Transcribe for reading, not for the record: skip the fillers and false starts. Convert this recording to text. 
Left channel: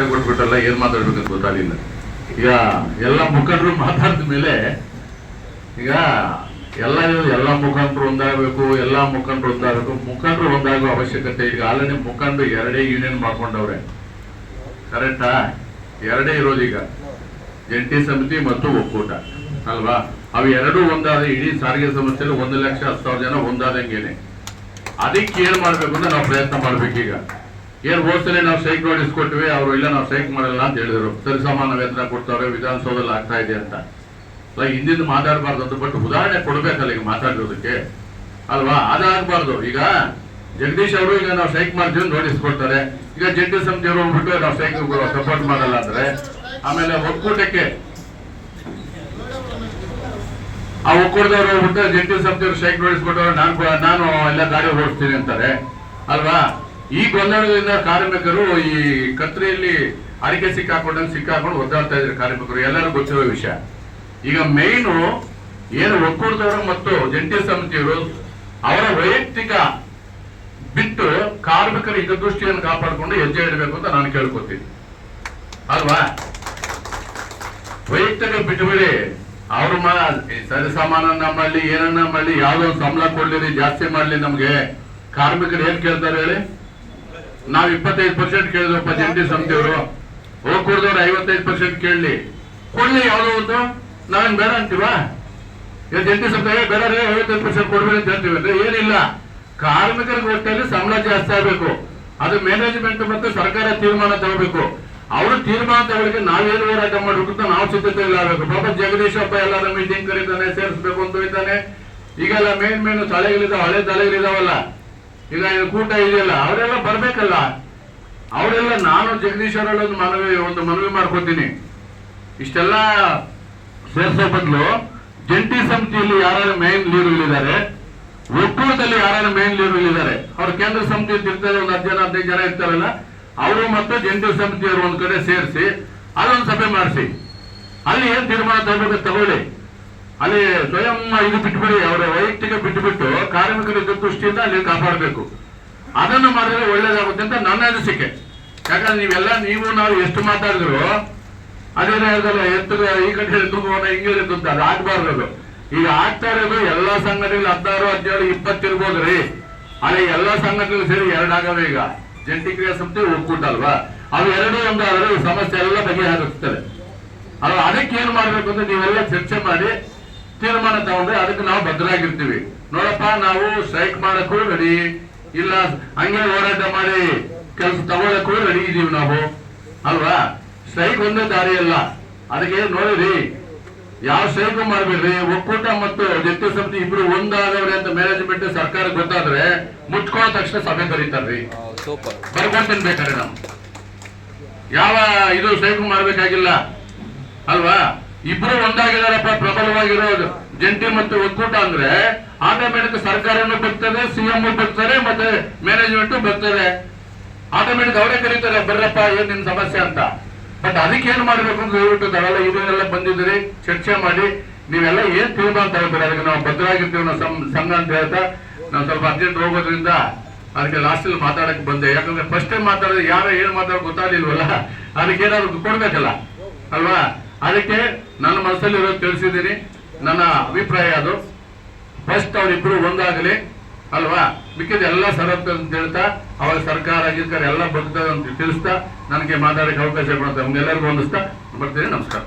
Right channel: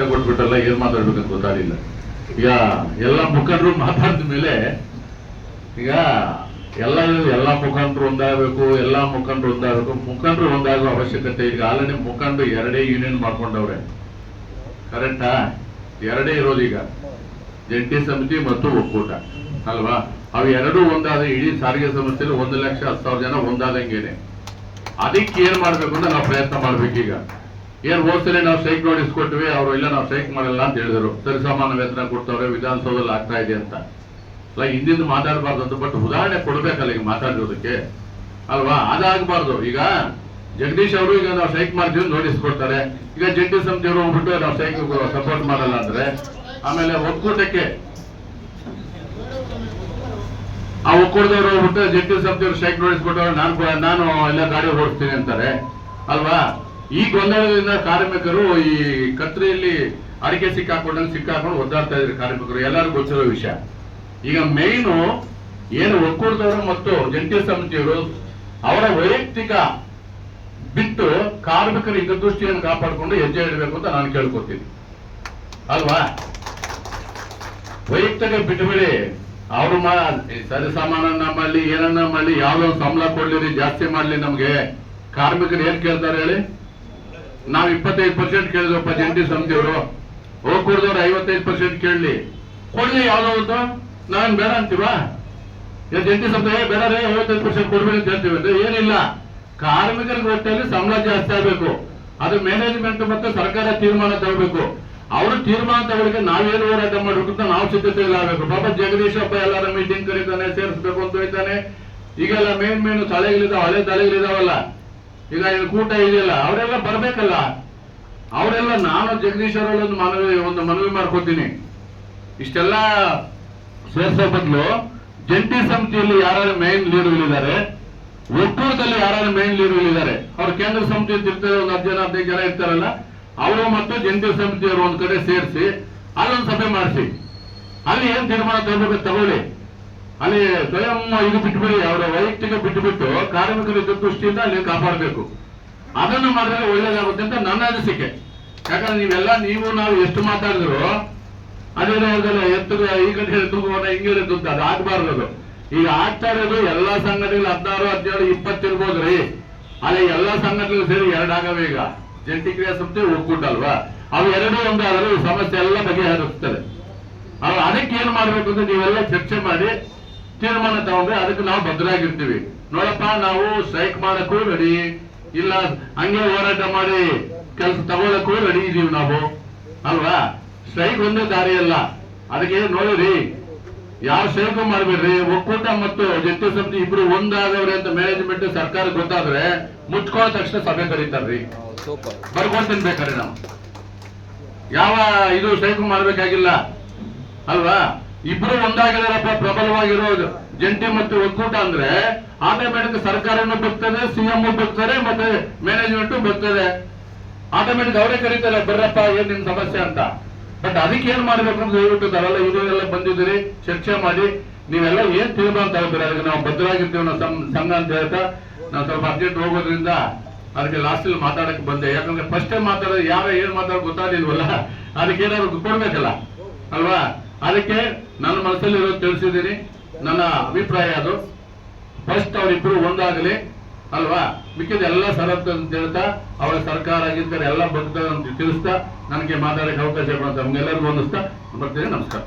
ತಪ್ಪೆ ಕೊಟ್ಬಿಟ್ಟಲ್ಲ, ಏನ್ ಮಾತಾಡ್ಬೇಕಂತ ಗೊತ್ತಾಗಿಲ್ಲ. ಈಗ ಎಲ್ಲ ಮುಖಂಡರು ಮಾತಾಡಿದ ಮೇಲೆ ಈಗ ಎಲ್ಲ ಮುಖಂಡರು ಒಂದಾಗಬೇಕು, ಮುಖಂಡರು ಒಂದಾಗುವ ಅವಶ್ಯಕತೆ. ಈಗ ಆಲ್ರೆಡಿ ಮುಖಂಡರು 2 ಯೂನಿಯನ್ ಮಾಡ್ಕೊಂಡವ್ರೆ, ಕರೆಕ್ಟಾ? 2 ಇರೋದು ಈಗ, ಜಂಟಿ ಸಮಿತಿ ಮತ್ತು ಒಕ್ಕೂಟ ಅಲ್ವಾ? ಅವು 2 ಒಂದಾದ ಇಡೀ ಸಾರಿಗೆ ಸಂಸ್ಥೆಯಲ್ಲಿ 1,10,000 ಜನ ಒಂದಾದಂಗೇನೆ. ಅದಕ್ಕೆ ಏನ್ ಮಾಡ್ಬೇಕು ಅಂತ ನಾವು ಪ್ರಯತ್ನ ಮಾಡ್ಬೇಕೀಗ. ಏನ್ ಹೋದ್ಸಲಿ ನಾವು ಸ್ಟ್ರೈಕ್ ನೋಟಿಸ್ ಕೊಟ್ವಿ, ಅವರು ಇಲ್ಲ ನಾವು ಸ್ಟ್ರೈಕ್ ಮಾಡಲ್ಲ ಅಂತ ಹೇಳಿದ್ರು. ಸರಿಸಮಾನ ವೇತನ ಕೊಡ್ತಾವ್ರೆ, ವಿಧಾನಸೌಧದಲ್ಲಿ ಆಗ್ತಾ ಇದೆ ಅಂತ. ಅಲ್ಲ, ಹಿಂದಿಂದ ಮಾತಾಡಬಾರ್ದು ಅಂತ, ಬಟ್ ಉದಾಹರಣೆ ಕೊಡ್ಬೇಕಲ್ಲ ಈಗ ಮಾತಾಡಿರೋದಕ್ಕೆ ಅಲ್ವಾ? ಅದಾಗಬಾರ್ದು. ಈಗ ಜಗದೀಶ್ ಅವರು ಈಗ ನಾವು ಸ್ಟ್ರೈಕ್ ಮಾಡ್ತೀವಿ ನೋಟಿಸ್ ಕೊಡ್ತಾರೆ, ಈಗ ಜಂಟಿ ಸಮಿತಿಯವರು ಹೋಗ್ಬಿಟ್ಟು ನಾವು ಸ್ಟ್ರೈಕ್ ಸಪೋರ್ಟ್ ಮಾಡಲ್ಲ ಅಂದ್ರೆ, ಆಮೇಲೆ ಒಕ್ಕೂಟಕ್ಕೆ ಆ ಒಕ್ಕೂಟದವರು ಹೋಗ್ಬಿಟ್ಟು ಜಂಟಿ ಸಮಿತಿಯವರು ಸ್ಟ್ರೈಕ್ ನೋಟಿಸ್ ಕೊಟ್ಟವ್ರು ನಾನು ಎಲ್ಲ ಗಾಡಿ ಓಡಿಸ್ತೀನಿ ಅಂತಾರೆ ಅಲ್ವಾ? ಈ ಗೊಂದಲದಿಂದ ಕಾರ್ಮಿಕರು ಈ ಕತ್ರಿಯಲ್ಲಿ ಅಡಿಕೆ ಸಿಕ್ಕಾಕೊಂಡು ಒದ್ದಾಡ್ತಾ ಇದ್ದಾರೆ ಕಾರ್ಮಿಕರು, ಎಲ್ಲರಿಗೂ ಗೊತ್ತಿರೋ ವಿಷಯ. ಈಗ ಮೇಯ್ನು ಏನು ಒಕ್ಕೂಟದವರು ಮತ್ತು ಜಂಟಿ ಸಮಿತಿಯವರು ಅವರ ವೈಯಕ್ತಿಕ ಬಿಟ್ಟು ಕಾರ್ಮಿಕರ ಹಿತದೃಷ್ಟಿಯನ್ನು ಕಾಪಾಡಿಕೊಂಡು ಹೆಜ್ಜೆ ಇಡಬೇಕು ಅಂತ ನಾನು ಕೇಳ್ಕೊತೀನಿ ಅಲ್ವಾ? ವೈಯಕ್ತಿಕ ಬಿಟ್ಟುಬಿಡಿ. ಅವ್ರ ಸರಿಸಮಾನ ನಮ್ಮಲ್ಲಿ ಏನನ್ನ ಮಾಡಲಿ, ಯಾವ್ದೋ ಸಂಬಳ ಕೊಡ್ಲಿರಿ, ಜಾಸ್ತಿ ಮಾಡ್ಲಿ, ನಮ್ಗೆ ಕಾರ್ಮಿಕರು ಏನ್ ಕೇಳ್ತಾರೆ ಹೇಳಿ? ನಾವ್ 25% ಕೇಳಿದ್ವಪ್ಪ ಜಂಟಿ ಸಮಿತಿಯವರು, ಒಕ್ಕೂಟದವ್ರು 55% ಕೇಳಲಿ, ಕೊಡ್ಲಿ ಯಾವ್ದೋ ಒಂದು, ನಾವೇನ್ ಬೇಡ ಅಂತೀವಾ? ಜಂಟಿ ಸಮಿತಿ ಬೇಡ 55% ಕೊಡ್ಬೇಡಿ ಅಂತ ಹೇಳ್ತೀವಿ. ಏನಿಲ್ಲ, ಕಾರ್ಮಿಕರಿಗೆ ಒಟ್ಟಲ್ಲಿ ಸಂಬಳ ಜಾಸ್ತಿ ಆಗ್ಬೇಕು. ಅದು ಮ್ಯಾನೇಜ್ಮೆಂಟ್ ಮತ್ತೆ ಸರ್ಕಾರ ತೀರ್ಮಾನ ತಗೋಬೇಕು. ಅವರು ತೀರ್ಮಾನ ತಗೊಳ್ಳಕ್ಕೆ ನಾವೇನು ಹೋರಾಟ ಮಾಡ್ಬೇಕು ಅಂತ ನಾವು ಸಿದ್ಧತೆ ಇಲ್ಲ ಆಗಬೇಕು. ಪಾಪ ಜಗದೀಶ್ ಹಬ್ಬ ಎಲ್ಲಾರ ಮೀಟಿಂಗ್ ಕರೀತಾನೆ, ಸೇರಿಸ್ಬೇಕು ಅಂತ ಹೋಯ್ತಾನೆ. ಈಗೆಲ್ಲ ಮೇನ್ ತಲೆಗಳಿದಾವ, ಹಳೆ ತಲೆಗಳಿದಾವಲ್ಲ, ಈಗ ಕೂಟ ಇದೆಯಲ್ಲ, ಅವರೆಲ್ಲ ಬರ್ಬೇಕಲ್ಲ. ಅವರೆಲ್ಲ ನಾನು ಜಗದೀಶ್ ಅವರಲ್ಲಿ ಒಂದು ಮನವಿ ಮಾಡ್ಕೊತೀನಿ, ಇಷ್ಟೆಲ್ಲ ಸೇರಿಸೋ ಬದಲು ಜಂಟಿ ಸಮಿತಿಯಲ್ಲಿ ಯಾರು ಮೇನ್ ಲೀಡರ್ಗಳಿದ್ದಾರೆ, ಒಕ್ಕೂಟದಲ್ಲಿ ಯಾರು ಮೇನ್ ಲೀಡರ್ಗಳಿದ್ದಾರೆ, ಅವ್ರು ಕೇಂದ್ರ ಸಮಿತಿ ಇರ್ತಾರೆ, ಒಂದು 10 ಜನ 15 ಜನ ಇರ್ತಾರಲ್ಲ, ಅವರು ಮತ್ತು ಜಂಟಿ ಸಮಿತಿಯವರು ಒಂದ್ ಕಡೆ ಸೇರಿಸಿ ಅಲ್ಲೊಂದು ಸಭೆ ಮಾಡಿಸಿ, ಅಲ್ಲಿ ಏನ್ ತೀರ್ಮಾನ ತಗೋಬೇಕು ತಗೊಳ್ಳಿ. ಅಲ್ಲಿ ಸ್ವಯಂ ಇದು ಬಿಟ್ಬಿಡಿ, ಅವರ ವೈಯಕ್ತಿಕ ಬಿಟ್ಟುಬಿಟ್ಟು ಕಾರ್ಮಿಕರ ದೃಷ್ಟಿಯಿಂದ ಅಲ್ಲಿ ಕಾಪಾಡಬೇಕು. ಅದನ್ನು ಮಾಡಿದ್ರೆ ಒಳ್ಳೇದಾಗುತ್ತೆ ಅಂತ ನನ್ನ ಅನಿಸಿಕೆ. ಯಾಕಂದ್ರೆ ನೀವು ನಾವು ಎಷ್ಟು ಮಾತಾಡಿದ್ರು ಅದೇನೇ ಹೇಳ್ದಲ್ಲ, ಈ ಕಡೆ ಹೇಳ್ಕೋಣ ಹಿಂಗೆ ಅಂತ, ಅದು ಆಗ್ಬಾರ್ದು. ಈಗ ಆಗ್ತಾ ಇರೋದು ಎಲ್ಲಾ ಸಂಘಟನೆಗಳು 16, 17, 20 ಇರ್ಬೋದ್ರಿ. ಅಲ್ಲಿ ಎಲ್ಲಾ ಸಂಘಟನೆಗಳು ಸೇರಿ 2 ಆಗವೆ. ಈಗ ಜಂಟಿ ಕ್ರಿಯಾ ಸಮಿತಿ ಒಕ್ಕೂಟ ಅಲ್ವಾ, ಅವು 2 ಒಂದಾದ್ರೆ ಸಮಸ್ಯೆ ಎಲ್ಲ ಬಗೆಹರಿಸ್ತದೆ. ಅದಕ್ಕೆ ಏನ್ ಮಾಡ್ಬೇಕು ಅಂತ ನೀವೆಲ್ಲ ಚರ್ಚೆ ಮಾಡಿ ತೀರ್ಮಾನ ತಗೊಂಡ್ರೆ ಅದಕ್ಕೆ ನಾವು ಭದ್ರಾಗಿರ್ತೀವಿ. ನೋಡಪ್ಪ, ನಾವು ಸ್ಟ್ರೈಕ್ ಮಾಡಕ್ಕೂ ರೆಡಿ ಇಲ್ಲ, ಹಂಗೆ ಹೋರಾಟ ಮಾಡಿ ಕೆಲಸ ತಗೊಳಕ್ಕೂ ರೆಡಿ ಇದೀವಿ ನಾವು ಅಲ್ವಾ? ಸ್ಟ್ರೈಕ್ ಒಂದೇ ದಾರಿ ಅಲ್ಲ. ಅದಕ್ಕೆ ನೋಡಿರಿ, ಯಾವ ಸ್ಟ್ರೈಕ್ ಮಾಡ್ಬೇಡ್ರಿ. ಒಕ್ಕೂಟ ಮತ್ತು ಜಂಟಿ ಸಮಿತಿ ಇಬ್ರು ಒಂದಾದವ್ರೆ ಅಂತ ಮ್ಯಾನೇಜ್ಮೆಂಟ್ ಸರ್ಕಾರ ಗೊತ್ತಾದ್ರೆ ಮುಚ್ಕೊಳ್ಳೋ ತಕ್ಷಣ ಸಭೆ ಕರೀತಾರ್ರಿ, ಬರ್ಕೊಂತೀನಿ ಬೇಕಾದ್ರೆ. ನಾವು ಯಾವ ಇದು ಸ್ಟ್ರೈಕ್ ಮಾಡ್ಬೇಕಾಗಿಲ್ಲ ಅಲ್ವಾ? ಇಬ್ರು ಒಂದಾಗಿದಾರಪ್ಪ, ಪ್ರಬಲವಾಗಿರೋದು ಜಂಟಿ ಮತ್ತು ಒಕ್ಕೂಟ ಅಂದ್ರೆ ಆಟೋಮೆಟಿಕ್ ಸರ್ಕಾರನು ಬರ್ತದೆ, ಸಿಎಂ ಬರ್ತಾರೆ, ಮತ್ತೆ ಮ್ಯಾನೇಜ್ಮೆಂಟ್ ಬರ್ತದೆ. ಆಟೋಮೆಟಿಕ್ ಅವರೇ ಕರೀತಾರೆ, ಬರ್ರಪ್ಪ ಏನ್ ನಿಮ್ ಸಮಸ್ಯೆ ಅಂತ. ಬಟ್ ಅದಕ್ಕೆ ಏನ್ ಮಾಡ್ಬೇಕು ಅಂತ ಹೇಳ್ಬಿಟ್ಟು ತಾವೆಲ್ಲ ಇದನ್ನೆಲ್ಲ ಬಂದಿದ್ದೀರಿ, ಚರ್ಚೆ ಮಾಡಿ ನೀವೆಲ್ಲ ಏನ್ ತೀರ್ಮಾನ ತಗೋತೀರಿ ಅದಕ್ಕೆ ನಾವು ಭದ್ರಾಗಿರ್ತೀವಿ ನಾವು ಸಂಘ ಅಂತ ಹೇಳ್ತಾ. ನಾವು ಸ್ವಲ್ಪ ಅರ್ಜೆಂಟ್ ಹೋಗೋದ್ರಿಂದ ಅದಕ್ಕೆ ಲಾಸ್ಟ್ ಅಲ್ಲಿ ಮಾತಾಡಕ್ ಬಂದೆ. ಯಾಕಂದ್ರೆ ಫಸ್ಟ್ ಟೈಮ್ ಮಾತಾಡೋದು ಯಾರು ಏನ್ ಮಾತಾಡೋದು ಗೊತ್ತಾಗಿಲ್ವಲ್ಲ, ಅದಕ್ಕೆ ಏನಾದ್ರು ಕೊಡ್ಬೇಕಲ್ಲ ಅಲ್ವಾ? ಅದಕ್ಕೆ ನನ್ನ ಮನಸ್ಸಲ್ಲಿ ಇರೋದು ತಿಳಿಸಿದ್ದೀನಿ. ನನ್ನ ಅಭಿಪ್ರಾಯ ಅದು, ಫಸ್ಟ್ ಅವರಿಬ್ರು ಒಂದಾಗಲಿ ಅಲ್ವಾ? ಮಿಕ್ಕಿದ ಎಲ್ಲ ಸರತ್ ಅಂತ ಹೇಳ್ತಾ ಅವರ ಸರ್ಕಾರ ಆಗಿರ್ತಾರೆ ಎಲ್ಲ ಬರ್ತದೆ ಅಂತ ತಿಳಿಸ್ತಾ ನನಗೆ ಮಾತಾಡಕ್ಕೆ ಅವಕಾಶ ಕೊಡ್ತಾರೆ. ನಮ್ಗೆಲ್ಲರಿಗೂ ಹೊಂದಿಸ್ತಾ ಬರ್ತೀನಿ. ನಮಸ್ಕಾರ.